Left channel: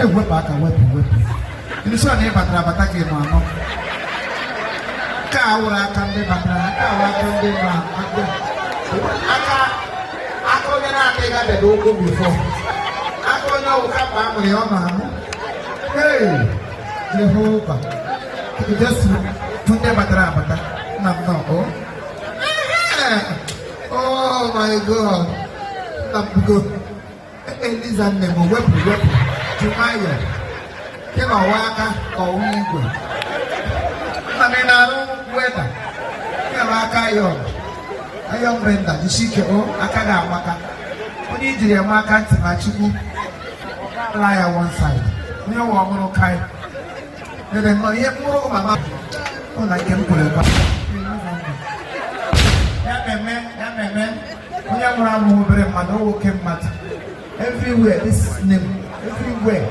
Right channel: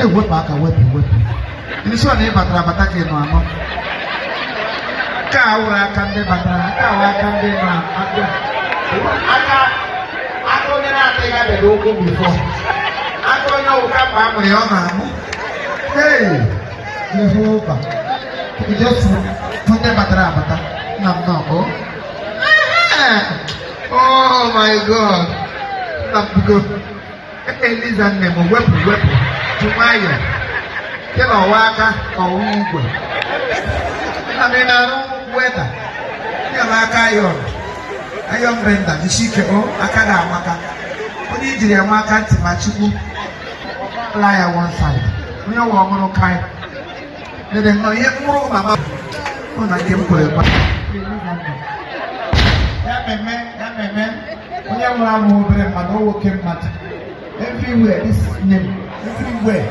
wepụ aka wepụ ndị sọ na ịbatara abata ka ịnụ anọ ka awụrụ aka ndị batara ka awụrụ aka ndị nọ aka onye na-ata ịga dede ụkwụ bifọ aka onye ụka bụ amụrụ ya ọ na-amụ Jehovah just onye batara abata na m nọ oh my God na mbugo Eliza nne m wepụ tụmaya kema ọwa aka ọwụ igwe na m na-arụ weda kema aka ayọn brenda isi ike aka ga-amaka onye ijiri ama aka ntị ma chukwu laa ya one side onye nwe ọmụrụ kai dede nnọọ ihe mkpụrụ mama ọ na nke m kwere kwa ememe onye nwụrụ anwụ obere mmadụ nwoke mmadụ everywhere this name everywhere